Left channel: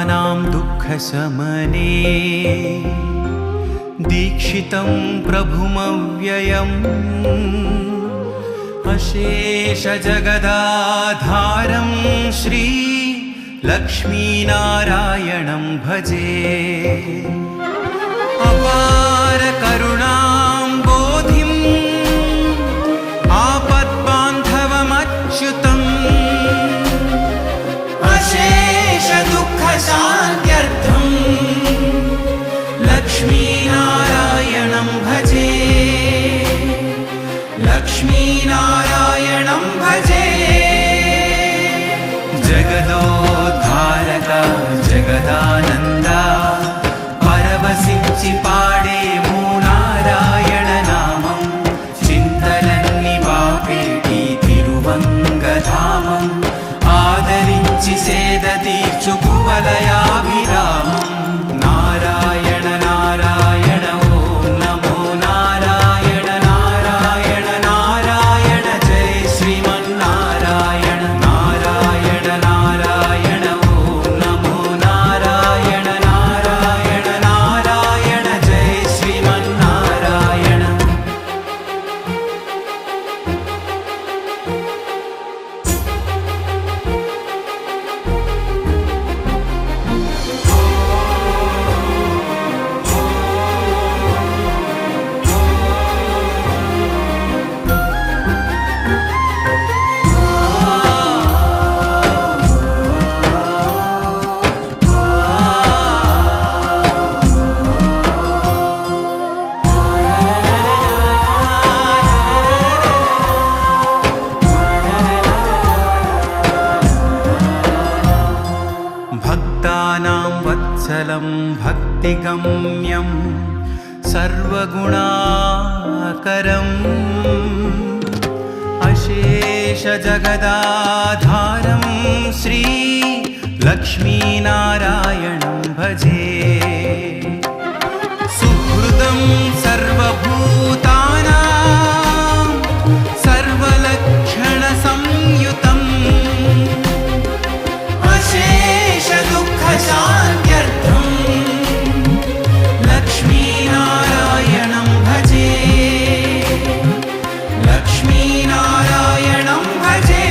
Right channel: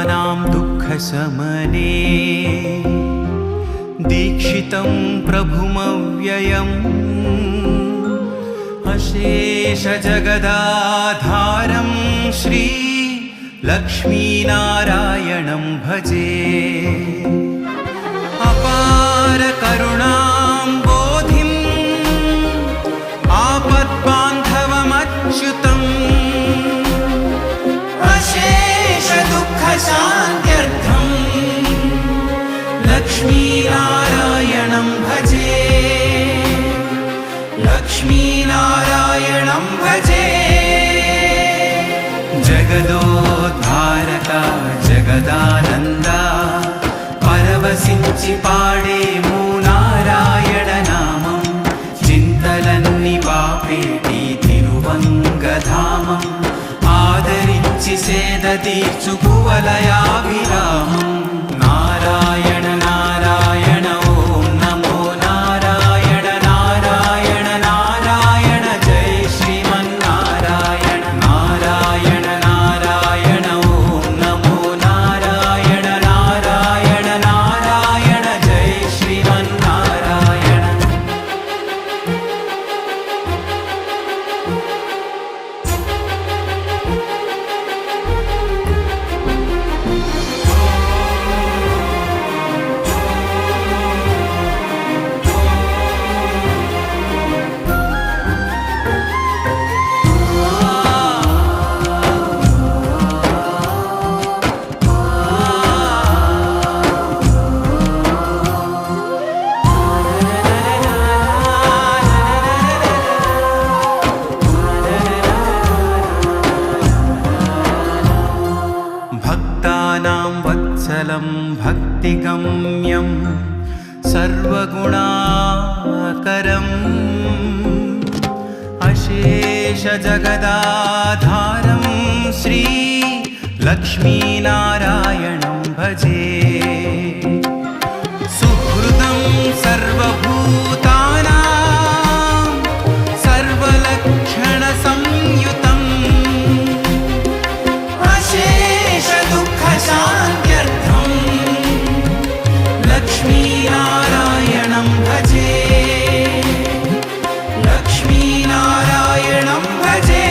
भक्तानां दुःखशमने दीक्षितं प्रभुमव्ययम् अशेषजगदाधारं श्री लक्ष्मीनारायणं भजे। अपार करुणां बोधिं आपद्बान्धवमच्युतम् अशेष दुःखशान्त्यर्थं लक्ष्मीनारायणं भजे। लक्ष्मीनारायणं भजे। जगदोद्धारका जगदानन्दा परवशिंचि पाडेमु नारायण नामं చింతలన్ని బాపేటి తిరువంగధామం ఆదరించి సేద తీర్చు కువలయాభిరామం నారాయణ నారాయణ ఓం నమో నారాయణ నారాయణ నారాయణ జై శ్రీమన్నారాయణ నారాయణ నారాయణ ఓం నమో నారాయణ నారాయణ నారాయణ జై శ్రీమన్నారాయణ। भक्तानां वत्सलं भक्तिगम्यं सर्वगुणाकरम् अशेषजगदाधारं श्री लक्ष्मीनारायणं भजे। सुहृदं सर्वभूतानां सर्वलक्षणसंयुतम् अशेष दुःखशान्त्यर्थं लक्ष्मीनारायणं भजे। लक्ष्मीनारायणं भजे।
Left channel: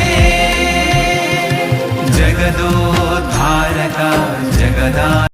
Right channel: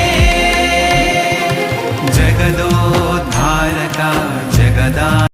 जगदोद्धारका जगदा